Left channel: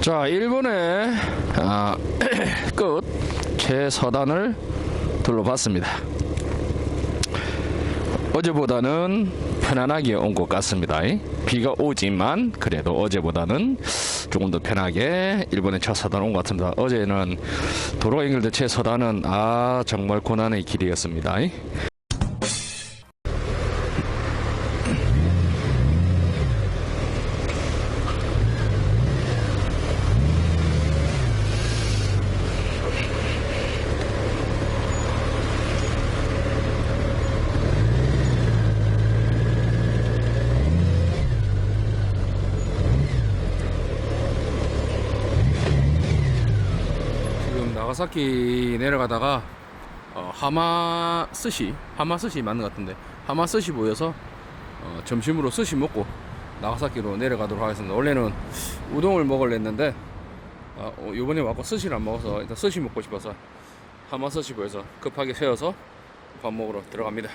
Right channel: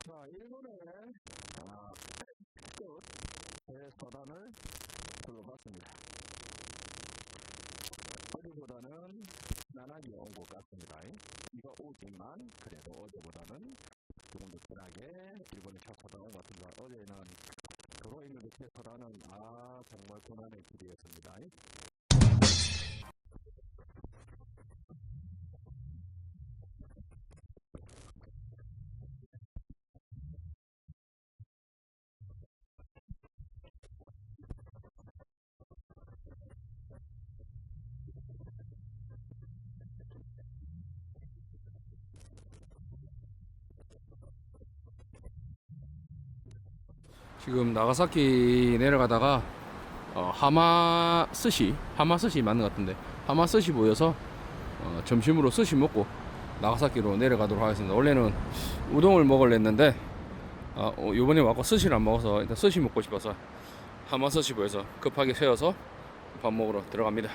자, 일본의 아, 끝 최서단을 둘러봤습니다. 어제보다는 편안하게 온 것 같습니다. 비가 오지만 그래도 어제보다는 조금 더 편하게 일본의 최서단 온 것 같습니다. 어제는 도로 연결된 최서단은 아 정말 고난의 길이었습니다. 지금 나가사키 내려가다가 어, 하마 스시 하마 스시 맞는 것 같은데 하마 스시 보여서 어, 점심으로 스시 먹고 나가사키로 내려가도록 하겠습니다. 원래는 우동을 먹으려 했는데 어, 어, 요번에 와고 스시를 안 먹어서 일단 스시 먹고 싶어서 하마 스시 보여서 급하게 세워서 밥 먹으러 들어갑니다.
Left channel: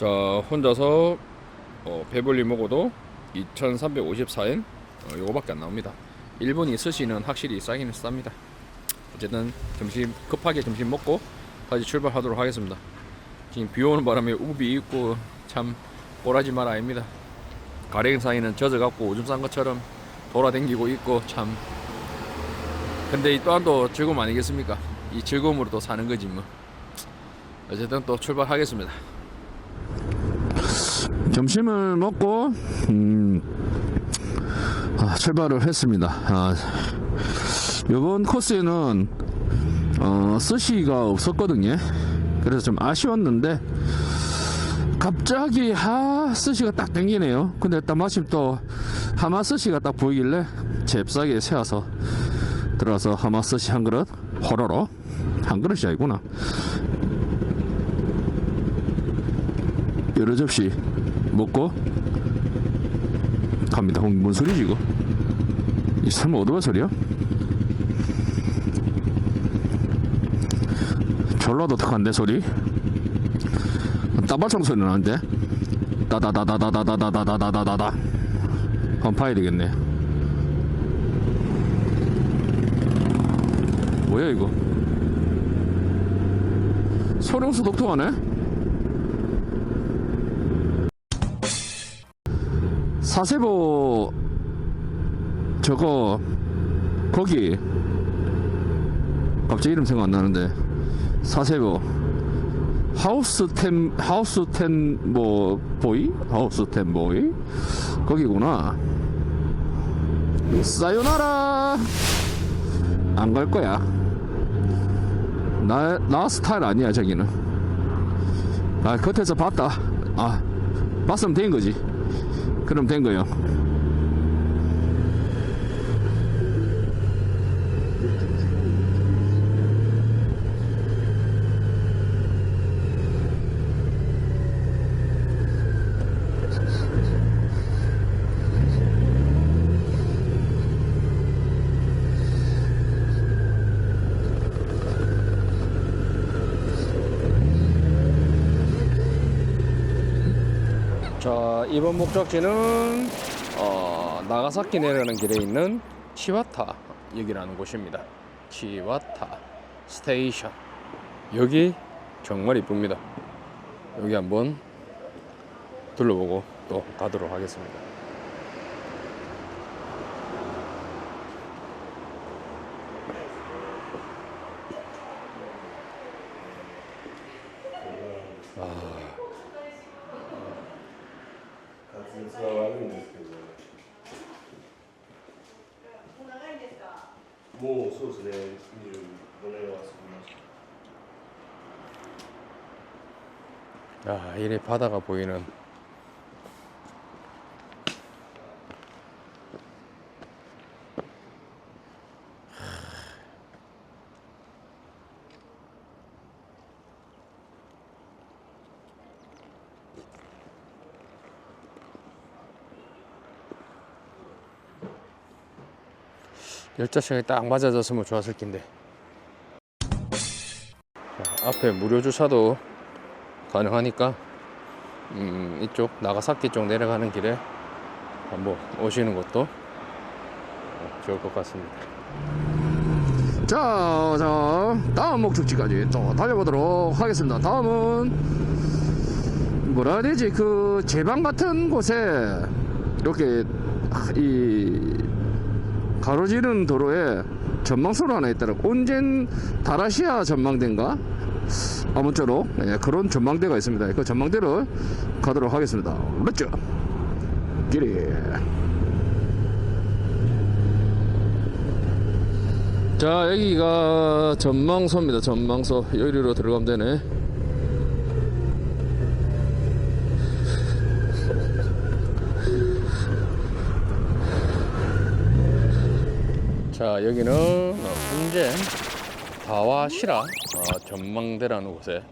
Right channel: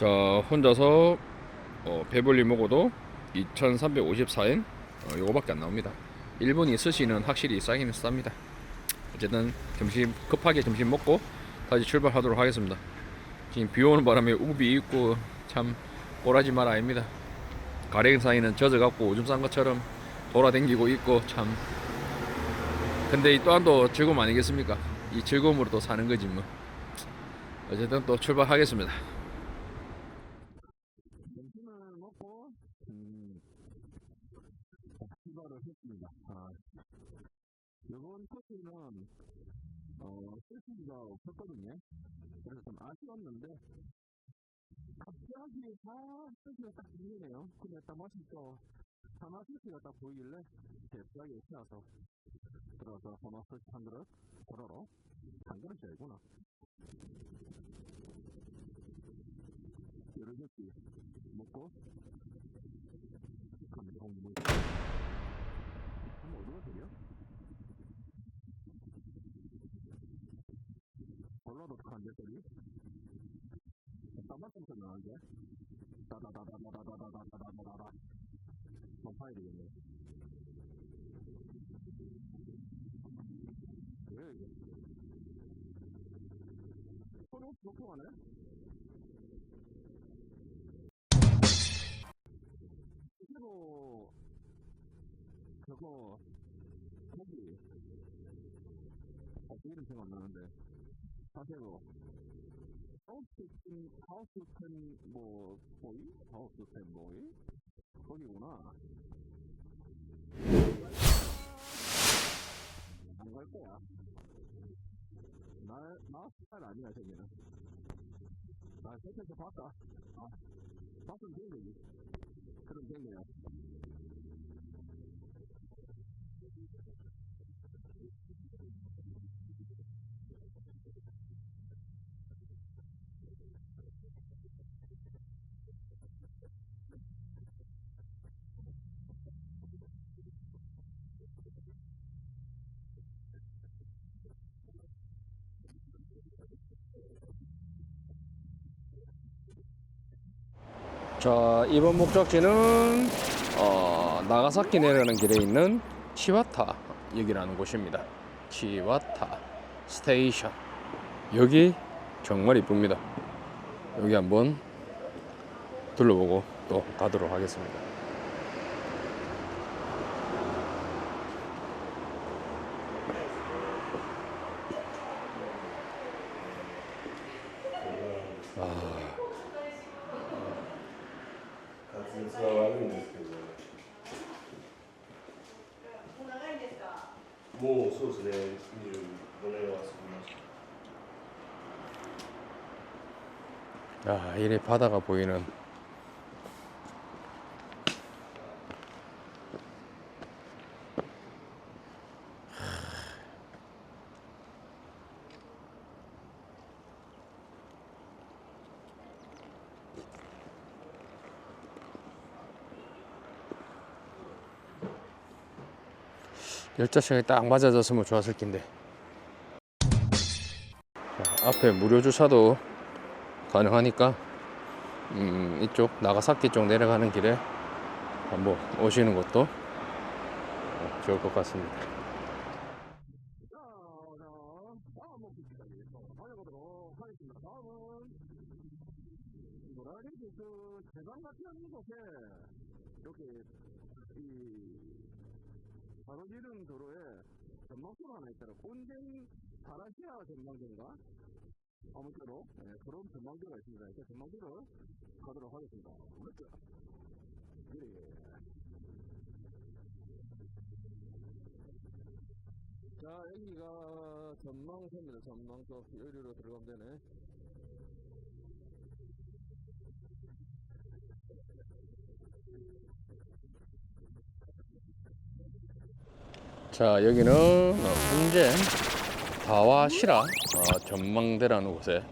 자 혼자서 어, 배불리 먹어도 2,354엔 어, 요거밖에 안 나옵니다. 일본이 스시는 확실히 싸기는 쌉니다. 어쨌든 점심 급하게 점심 먹고 다시 출발하도록 하겠습니다. 지금 비 오는 바람에 우비 있고 참 꼬라지 말 아닙니다. 가랭 사이는 젖어갖고 오줌 싼 것처럼 돌아댕기고 있고 참 근데 이 또한 또 즐거움 아니겠습니까? 이 즐거움으로 또 사는 거지 뭐. 어쨌든 또 출발하겠습니다. 점심을 먹고 음, 아, 출발을 했습니다. 아, 이번 코스에는 어, 스시가 없었거든요. 그래서 좀 아쉬웠는데 갑자기 하 스시가 딱 땡기네요. 근데 일단 마침 또 하마 스시가 딱 보이길래 잽싸게 세워서 들어서 하마 스시 한 그릇 호로로 한 그릇이 아니구나. 여러 접시 먹고 갑니다. 홍, 뭔 소리지 이거? 이 설마 어디가 소리야? 졸라 독특한데 소리? 따발성 소리 나는데? 따다다다다다다다다다다다다 한번 봐야 되겠네. 뭐야 이거? 엄청 독특하네? 사세보 저거 거기 갑자기 이름 생각 안 나는데 사세보 하우스 텐 하우스 텐뭐 보이? 하우스 텐 보이? 거기구나. 사요나라! 안 갈 거야. 나 나 스타일 아니야 저기는. 아 겉에서 봤다. 아 봤으면 된 거지 그럼 된 거요. 자 이번 목적지는 어, 나가사키 내려가는 길에 있는 치와타 역이라는 곳입니다. 치와타 스테이션 여기 정말 이쁩니다. 여기 한번 둘러보고 또 가도록 하겠습니다. もうそうですね25年は過ぎました 야, 이래 바다가 보이는 시간이 딱 맞아졌으면 좋았을 텐데. 자, 앞에 무료 주차도 가능하니까 음, 이쪽 나가사키 쪽 내려가는 길에 한번 오시는 것도 어, 좋을 것 같습니다. 자, 자, 다음 목적지까지 또 달려보도록 하겠습니다. 다음은 뭐라 해야 되지? 그 제방 같은 곳에 이렇게 이 가로지른 도로에 전망소로 하나 있더라. 온젠 다라시아 전망대인가? 아무쪼록 예, 그런 전망대가 있습니다. 그 전망대를 가도록 하겠습니다. 렛츠 길이. 자 여기가 전망소입니다. 전망소 여기로 들어가면 되네. 자 여기는 어, 운젠 다와시라 어, 전망대라는 곳에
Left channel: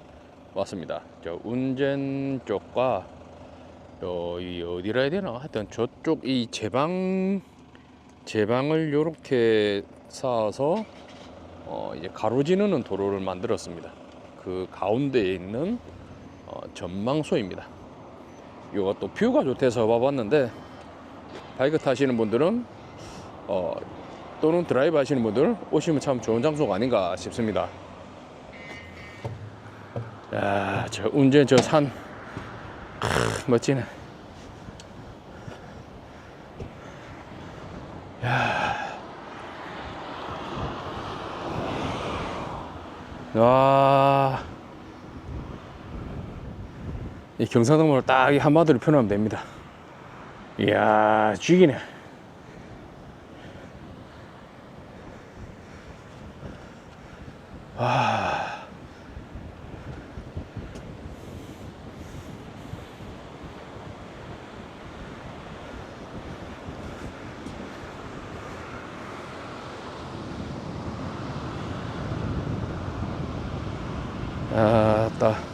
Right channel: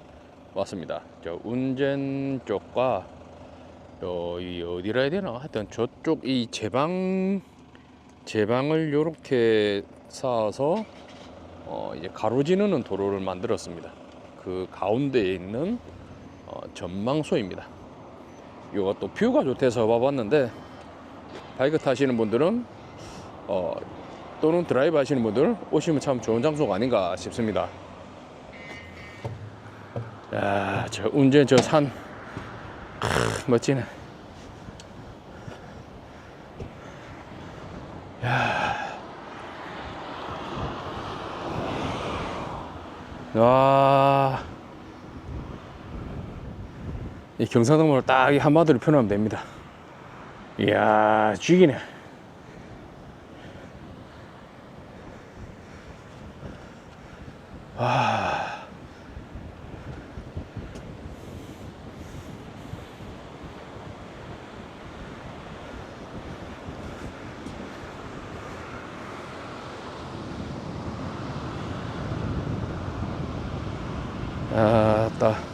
왔습니다. 저 운젠 쪽과 여기 어디라 해야 되나? 하여튼 저쪽 이 제방 제방을 요렇게 쌓아서 어, 이제 가로지르는 도로를 만들었습니다. 그 가운데에 있는 어, 전망소입니다. 또 뷰가 좋대서 와봤는데 바이크 타시는 분들은 어, 또는 드라이브 하시는 분들 오시면 참 좋은 장소가 아닌가 싶습니다. 야, 저 운전 저산 멋지네. 야, 와, 이 경상도문을 딱 이 한마디로 표현하면 됩니다. 이야, 죽이네. 아따